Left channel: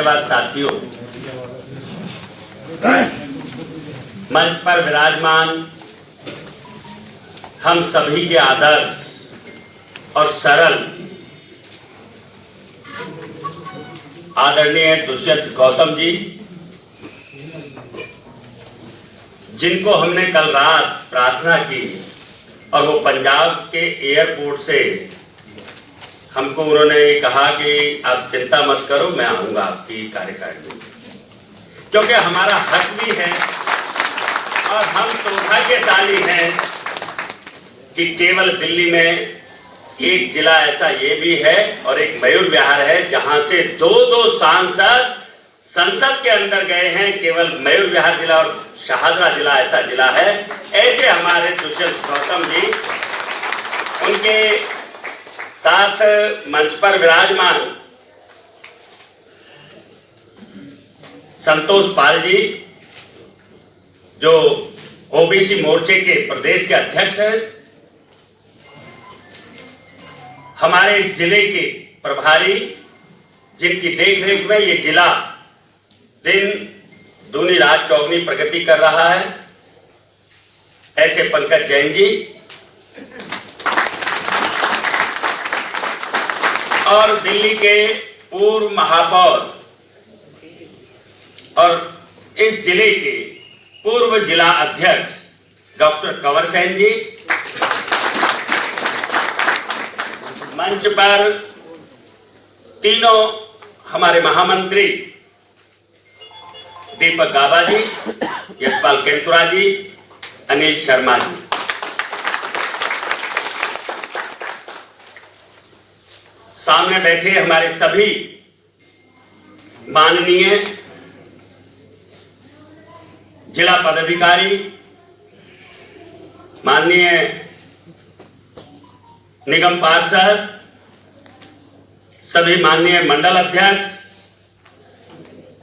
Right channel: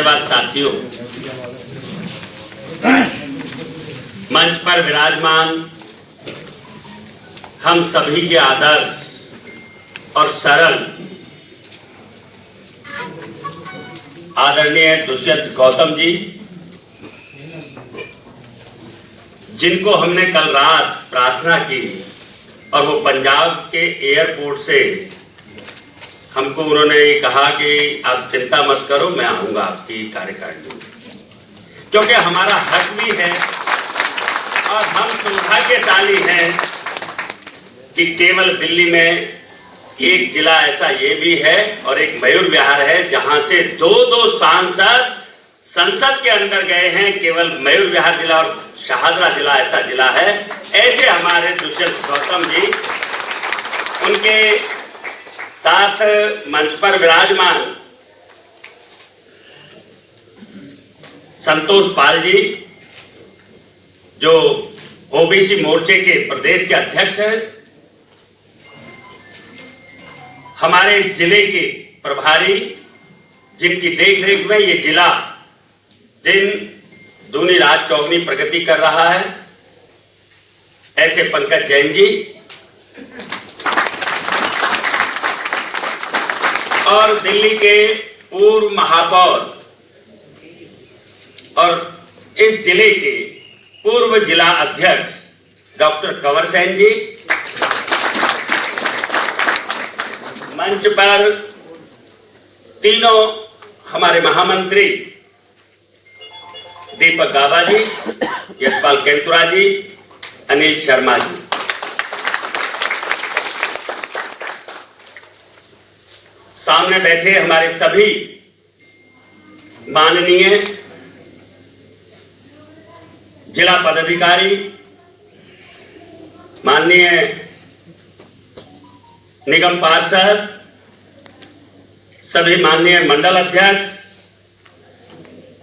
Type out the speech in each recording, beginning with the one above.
धन्यवाद साथियों। मंच पर विराजमान हम सभी के आदर्श और सरल आदरणीय दुष्यंत गौतम जी, जिनको हमने कल रात प्रार्थना की और वो पंजाब के एयरपोर्ट से हमको उन्होंने कहा कि आप चिंता मत करो, मैं आऊंगा आपकी कार्यकारिणी में, क्योंकि हमारा हक भी है और हम सौभाग्यशाली हैं कि केवल दिल्ली में एक जिला ऐसा ये भी है और एक मयूर विहार है जहां से दो सांसद संसद के अंदर गए हैं। केवल मयूर विहार जिला और शाहदरा जिला ऐसा जिला है। ऐसे हमारे दुष्यंत गौतम जी, उनके साथ मंच पर विराजमान संतोष पाल जी, जो ओबीसी मोर्चे के प्रदेश के अध्यक्ष हैं, हमारे इस जिले के प्रभारी, जिनकी देखरेख में ये जिला दिन दूनी रात चौगनी प्रगति कर रहा है, ऐसे पंकज जैन जी, और दिल्ली के पूर्व महापौर और इस जिले के पूर्व जिला अध्यक्ष डॉक्टर कंवर सेन जी, मंच पर तीनों हमारे महामंत्री दीपक गाबा जी, यशपाल केंतुरा जी, अनिल शर्मा जी, सामने बैठे हमारे सभी माननीय जिला पदाधिकारी, माननीय निगम पार्षद, सभी माननीय मंडल अध्यक्ष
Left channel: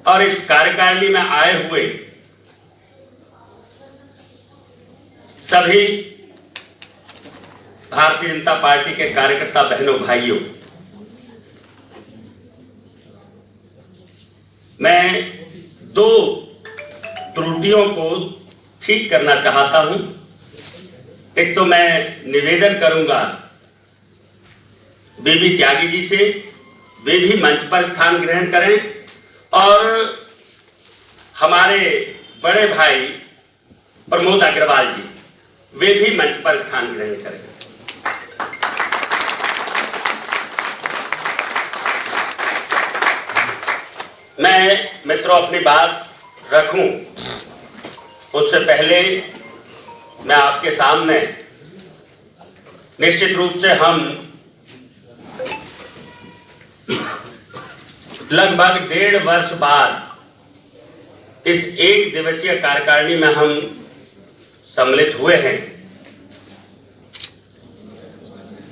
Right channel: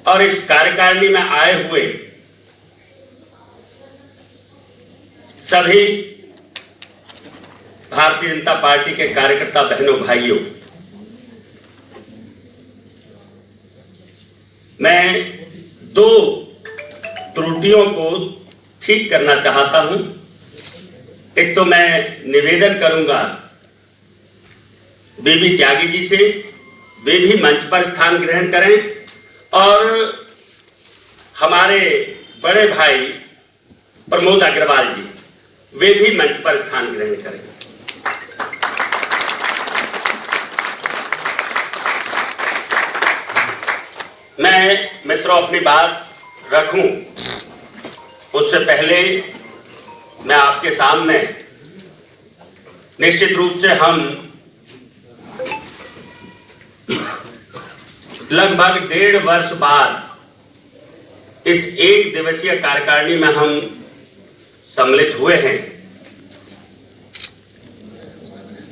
और इस कार्यकारिणी में आए हुए सभी भारतीय जनता पार्टी के कार्यकर्ता बहनों भाइयों, मैं दो त्रुटियों को ठीक करना चाहता हूं। एक तो मैं निवेदन करूंगा बीबी त्यागी जी से, वे भी मंच पर स्थान ग्रहण करें, और हमारे बड़े भाई प्रमोद अग्रवाल जी, वे भी मंच पर स्थान ग्रहण करें। मैं मित्रों अपनी बात रखूं उससे पहले मैं आपके सामने निश्चित रूप से हम लगभग 1.5 वर्ष बाद इस एक दिवसीय कार्यकारिणी में हम सम्मिलित हुए हैं।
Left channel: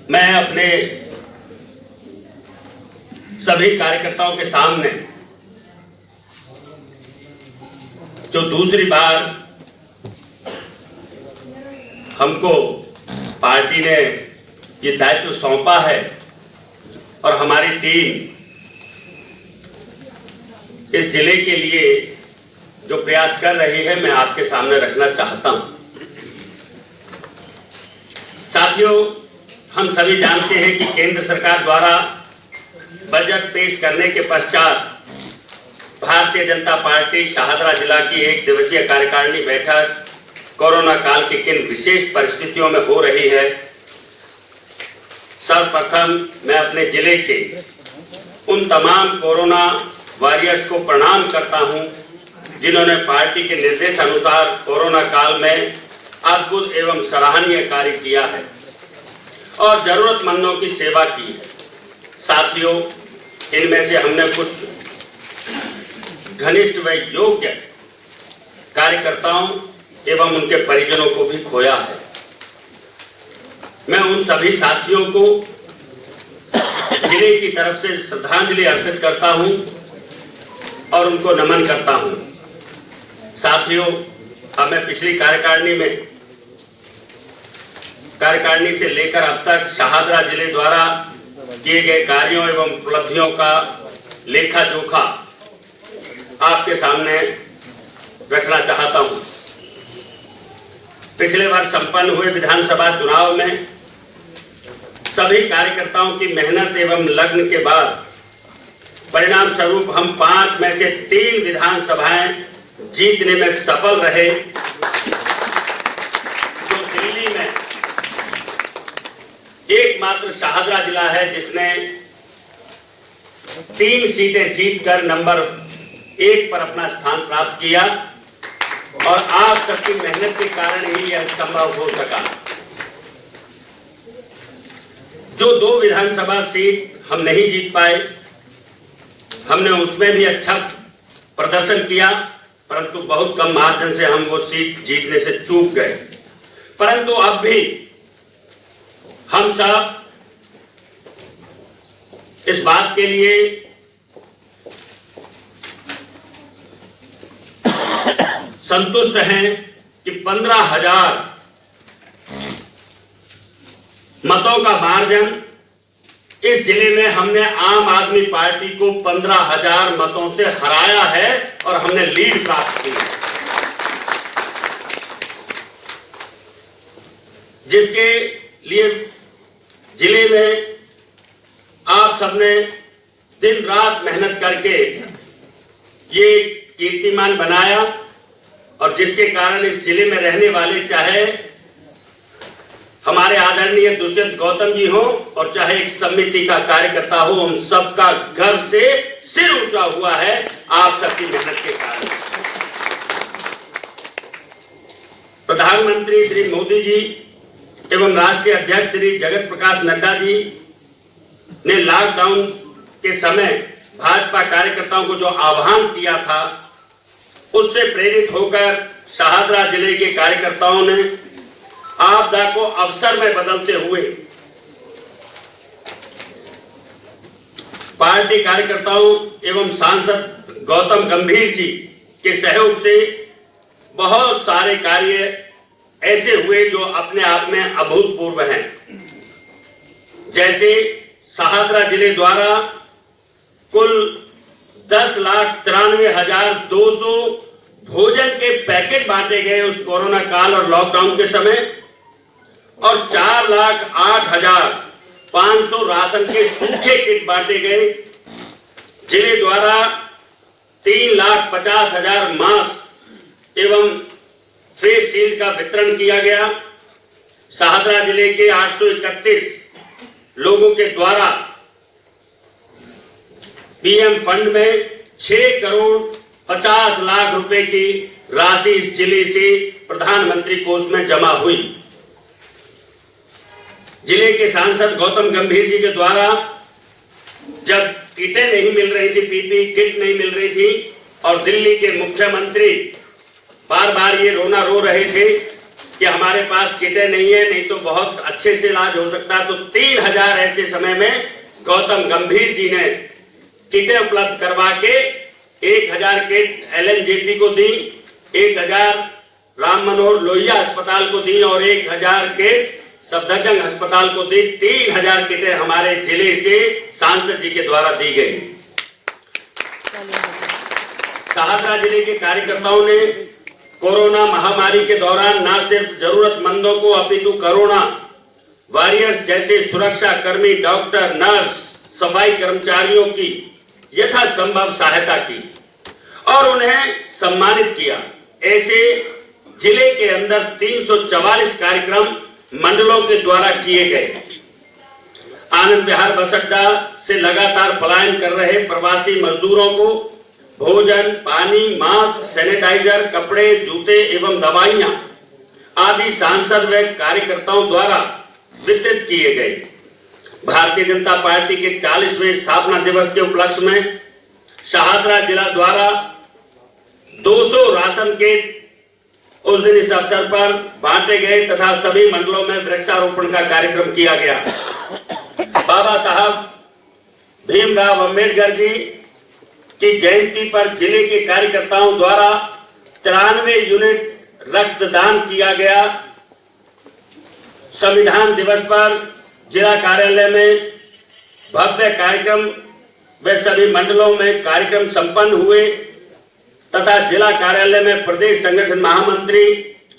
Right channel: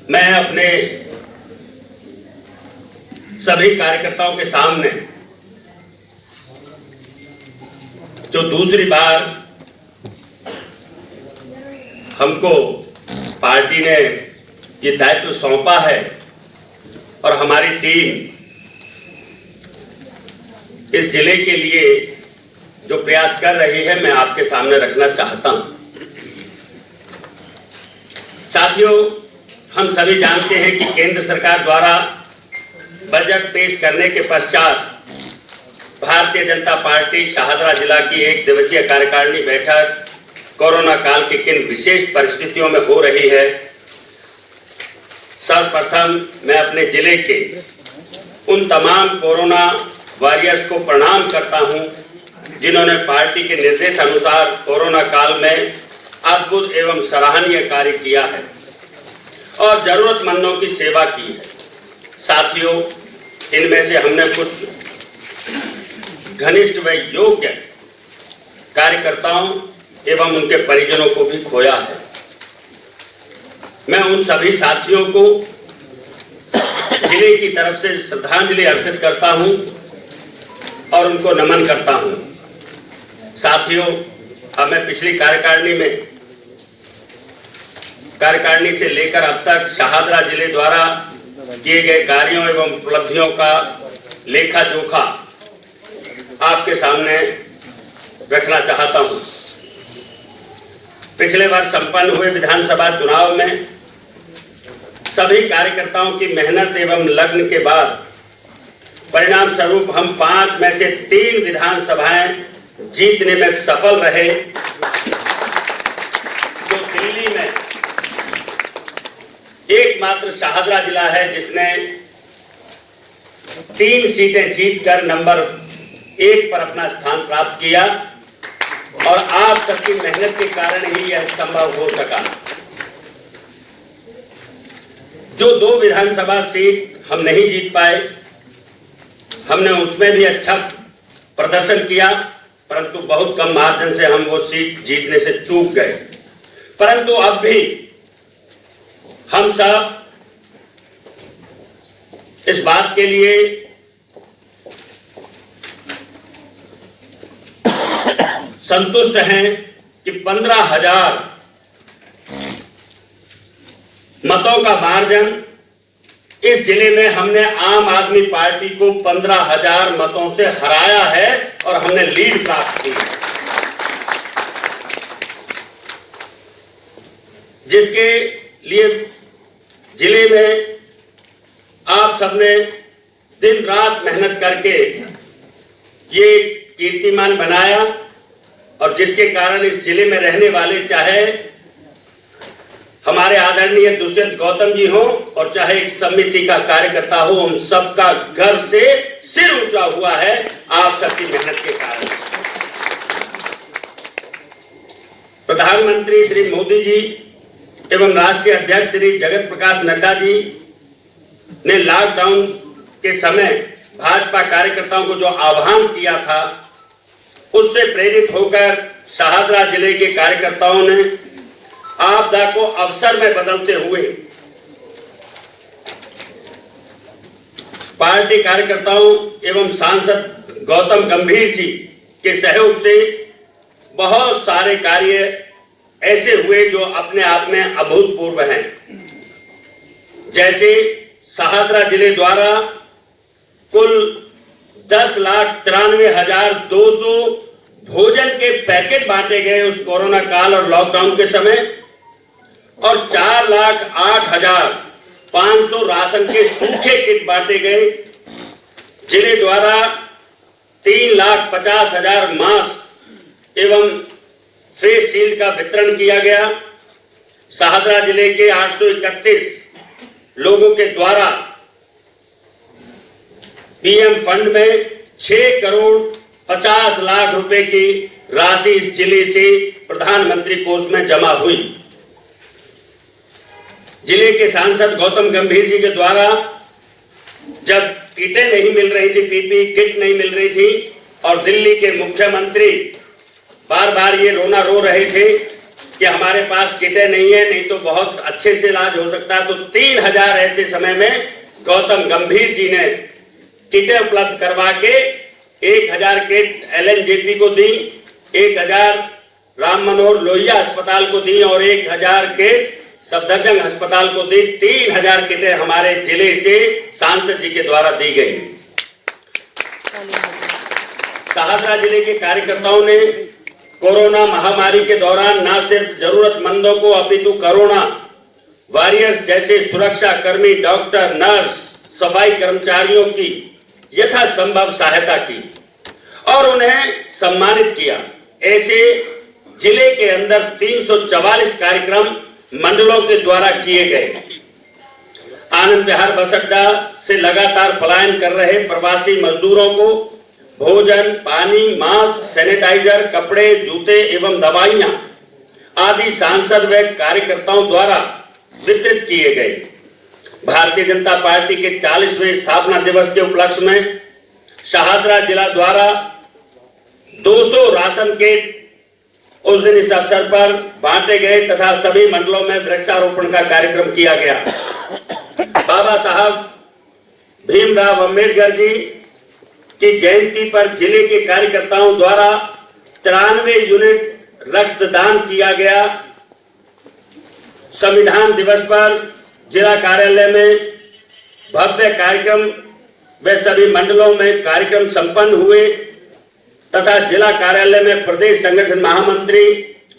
मैं अपने सभी कार्यकर्ताओं के सामने जो दूसरी बार हमको पार्टी ने ये दायित्व सौंपा है और हमारी टीम इस जिले के लिए जो प्रयास कर रही है, मैं आपके सामने रखना चाहता हूं। साथियों, हम सभी जानते हैं कि केंद्र सरकार द्वारा बजट पेश करने के पश्चात भारतीय जनता पार्टी शाहदरा जिला की एक दिवसीय कार्यकारिणी बैठक कोरोना काल की किन विशेष परिस्थितियों में हो रही है। सर्वप्रथम मैं अपने जिले के उन तमाम कोरोना वॉरियर्स को प्रणाम करता हूं, जिन्होंने पार्टी के निर्देश अनुसार कोरोना काल में अद्भुत एवं सराहनीय कार्य किया है और जरूरतमंदों की सेवा की है। साथियों, इनमें से हमने कुछ घनिष्ठ व योग्य कार्यकर्ताओं एवं उनके परिजनों को भी खोया है। मैं उन सभी साथियों को जिले की तरफ से श्रद्धांजलि अर्पित करता हूं और उनको नमन करता हूं। साथियों, अब मैं पिछली कार्यकारिणी से लेकर अब तक शाहदरा जिले द्वारा किए गए कार्यों एवं उपलब्धियों का लेखा जोखा आपके सामने रखना चाहता हूं। पिछले वर्ष संपन्न हुए विधानसभा चुनाव में सभी कार्यकर्ताओं की मेहनत एवं लगन के बाद परिणाम स्वरूप हम 5 में से 3 विधानसभाएं जीतने में सफल रहे, जो दिल्ली में एकमात्र शाहदरा जिला है जिसने 3 सीटें जीतकर नंबर 1 पर अपना स्थान प्राप्त किया और आप सबकी मेहनत के कारण ही यह संभव हो सका। जो 2 विधानसभा सीट हम नहीं जीत पाए, हमने उसमें भी अच्छा प्रदर्शन किया, परंतु बहुत कम मार्जिन से हम वो सीट जीतने से चूक गए। परंतु अब भी हम सब इस बात के लिए संतुष्ट हैं कि 15,000 मतों का मार्जिन इस जिले में हमने आम आदमी पार्टी को 15,000 मतों से हराया है और हमने लीड प्राप्त की है, जिसके लिए जिले में आप सबने दिन रात मेहनत करके ये कीर्तिमान बनाया और जिसके कारण इस जिले में रहने वाले, चाहे हमारे आदरणीय दुष्यंत गौतम जी हो और चाहे एक समिति का कार्यकर्ता हो, हम सबका गर्व से सिर ऊंचा हुआ है आप सबकी मेहनत के कारण। प्रधानमंत्री श्री मोदी जी एवं राष्ट्रीय अध्यक्ष श्री जगत प्रकाश नड्डा जी ने लॉकडाउन के समय भाजपा कार्यकर्ताओं को जो आह्वान किया था, उससे प्रेरित होकर शाहदरा जिले के कार्यकर्ताओं ने आपदा को अवसर में बदलते हुए पार्टी कार्यकर्ताओं एवं सांसद गौतम गंभीर जी के सहयोग से बहुत सारे कार्य ऐसे हुए जो अपने आप में अभूतपूर्व हैं। जैसे शाहदरा जिले द्वारा कुल 10,93,200 भोजन के पैकेट बांटे गए उस कोरोना काल और लॉकडाउन के समय, और 4,08,500 राशन के सूखे किट बांटे गए। जिले द्वारा 3,50,000 मास्क एवं फेस शील्ड का वितरण किया गया। शाहदरा जिले के 831 लोगों के द्वारा पीएम फंड में 6 करोड़ 50 लाख रुपए की राशि इस जिले से प्रधानमंत्री कोष में जमा हुई। जिले के सांसद गौतम गंभीर जी के द्वारा जब किटें नहीं मिल रही थी, पीपीई किट नहीं मिल रही थी और दिल्ली के मुख्यमंत्री बार बार ये रोना रो रहे थे कि हमारे पास किटें नहीं है, नहीं तो बहुत अच्छे से इलाज हो सकता है, तो 3,000 ऐसे समय में गौतम गंभीर जी ने किटें उपलब्ध करवा के 1,000 किट एलएनजेपी को दी, 1,000 राम मनोहर लोहिया अस्पताल को दी और 1,000 किट सफदरजंग अस्पताल को दी। 3,000 किटें हमारे जिले से सांसद जी के द्वारा दी गई। शाहदरा जिले के कार्यकर्ताओं ने कोरोना महामारी के दौरान न सिर्फ जरूरतमंदों को अपितु कोरोना वॉरियर्स जैसे सुरक्षा कर्मी, डॉक्टर, नर्स, सफाई कर्मचारियों की यथासंभव सहायता की और उन्हें सम्मानित किया। ऐसे जिले के अंदर 344 कार्यक्रम मंडलों के द्वारा किए गए। आनंद विहार बस अड्डा से लगातार पलायन कर रहे प्रवासी मजदूरों को भोजन, पानी, मास्क, सैनिटाइजर, कपड़े, जूते एवं दवाइयां आदि सांसद व कार्यकर्ताओं द्वारा वितरित किए गए। भारतीय जनता पार्टी के 40वें स्थापना दिवस के उपलक्ष्य में शाहदरा जिला द्वारा 200 राशन किट उस दिन इस अवसर पर बांटे गए तथा सभी मंडलों में वृक्षारोपण का कार्यक्रम किया गया। बाबा साहब भीमराव अंबेडकर जी की जयंती पर जिले के कार्यकर्ताओं द्वारा 93 यूनिट रक्तदान किया गया। संविधान दिवस पर जिला कार्यालय में भव्य कार्यक्रम व सभी मंडलों में कार्यक्रम संपन्न हुए। तथा जिला कार्यालय में प्रदेश संगठन महामंत्री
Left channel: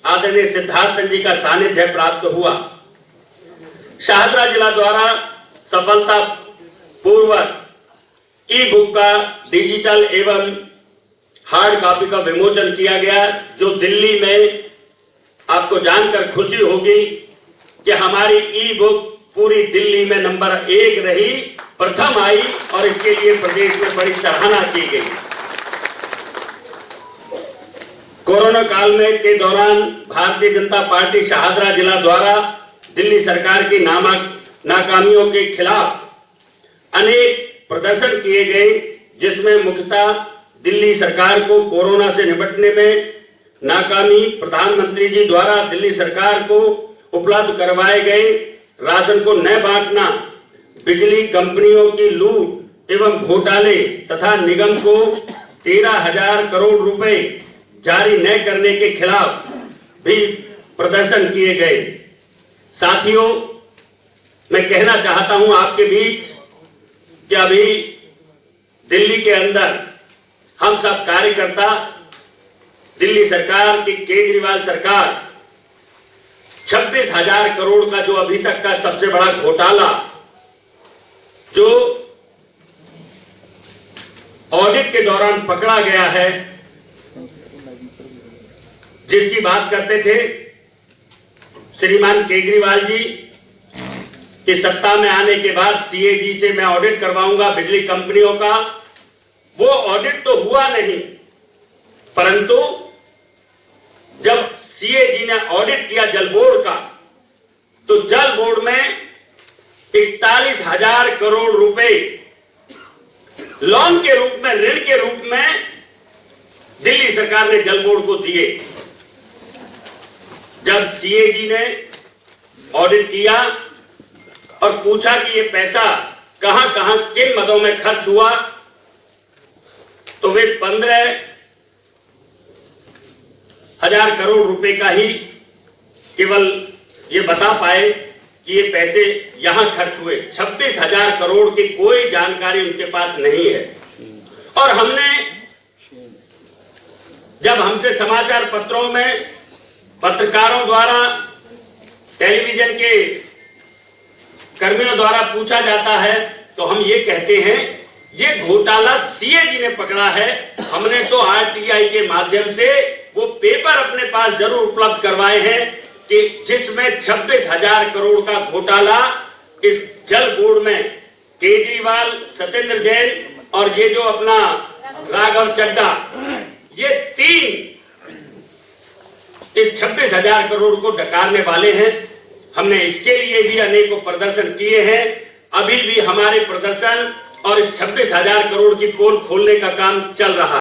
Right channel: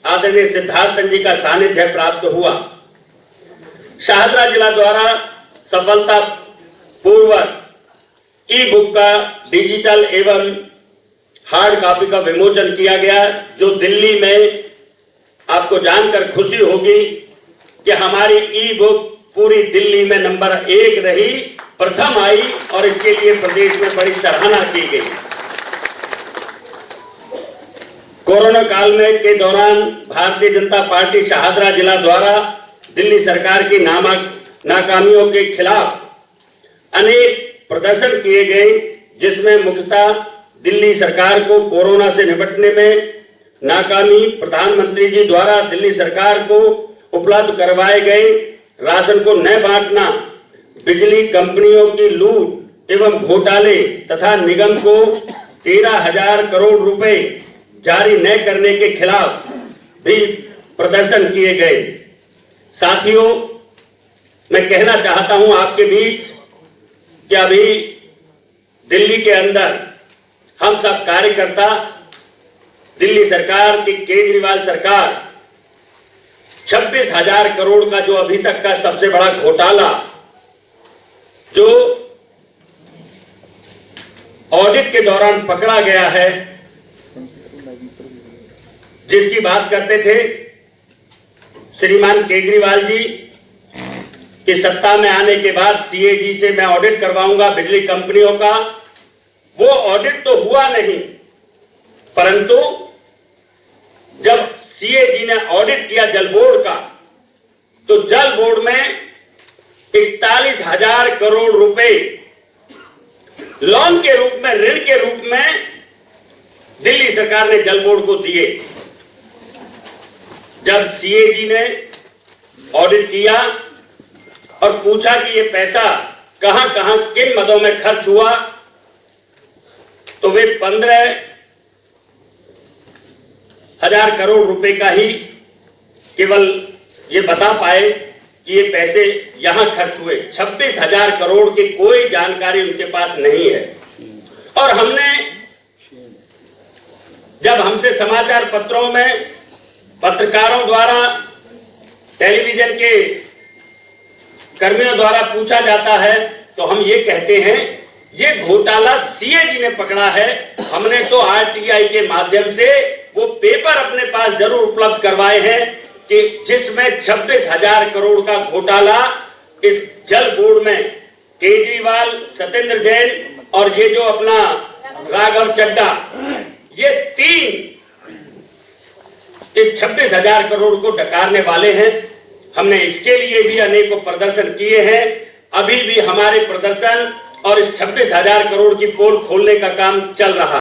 आदरणीय सिद्धार्थ जी का सानिध्य प्राप्त हुआ। शाहदरा जिला द्वारा सफलता पूर्वक ई बुक का डिजिटल एवं हार्ड कॉपी का विमोचन किया गया, जो दिल्ली में आपको जानकर खुशी होगी कि हमारी ई बुक पूरी दिल्ली में नंबर 1 रही, प्रथम आई और इसके लिए प्रदेश में बड़ी सराहना की गई। कोरोना काल में के दौरान भारतीय जनता पार्टी शाहदरा जिला द्वारा दिल्ली सरकार की नाकामियों के खिलाफ अनेक प्रदर्शन किए गए, जिसमें मुख्यतः दिल्ली सरकार को कोरोना से निपटने में नाकामी, प्रधानमंत्री जी द्वारा दिल्ली सरकार को उपलब्ध करवाए गए राशन को न बांटना, बिजली कंपनियों की लूट एवं घोटाले तथा निगम को 13,000 करोड़ रुपए जारी न करने के खिलाफ भी प्रदर्शन किए गए। साथियों, मैं कहना चाहता हूं आपके बीच कि अभी दिल्ली के अंदर हम सब कार्यकर्ता दिल्ली सरकार की केजरीवाल सरकार 26,000 करोड़ का जो अभी तक का सबसे बड़ा घोटाला जो ऑडिट के दौरान पकड़ा गया है, जिसकी बात करते थे श्रीमान केजरीवाल जी कि सत्ता में आने के बाद सीएजी से मैं ऑडिट करवाऊंगा बिजली कंपनियों का। वो ऑडिट तो हुआ नहीं, परंतु जब सीएजी ने ऑडिट किया जल बोर्ड का, तो जल बोर्ड में 41,000 करोड़ रुपए लोन के रूप में, ऋण के रूप में दिल्ली सरकार ने जल बोर्ड को दिए। जब सीएजी ने ऑडिट किया और पूछा कि ये पैसा कहां कहां किन मदों में खर्च हुआ, तो वे 15,000 करोड़ रुपए का ही केवल ये बता पाए कि ये पैसे यहां खर्च हुए। 26,000 करोड़ की कोई जानकारी उनके पास नहीं है। और हमने जब हमसे समाचार पत्रों में पत्रकारों द्वारा, टेलीविजन के कर्मियों द्वारा पूछा जाता है, तो हम ये कहते हैं ये घोटाला सीएजी ने पकड़ा है। हमने तो आरटीआई के माध्यम से वो पेपर अपने पास जरूर उपलब्ध करवाए हैं कि जिसमें 26,000 करोड़ का घोटाला इस जल बोर्ड में केजरीवाल, सत्येंद्र जैन और ये जो अपना राघव चड्डा, ये 3 इस 26,000 करोड़ को डकारने वाले हैं। हमने इसके लिए भी अनेकों प्रदर्शन किए हैं। अभी भी हमारे प्रदर्शन और इस 26,000 करोड़ की पोल खोलने का काम चल रहा है।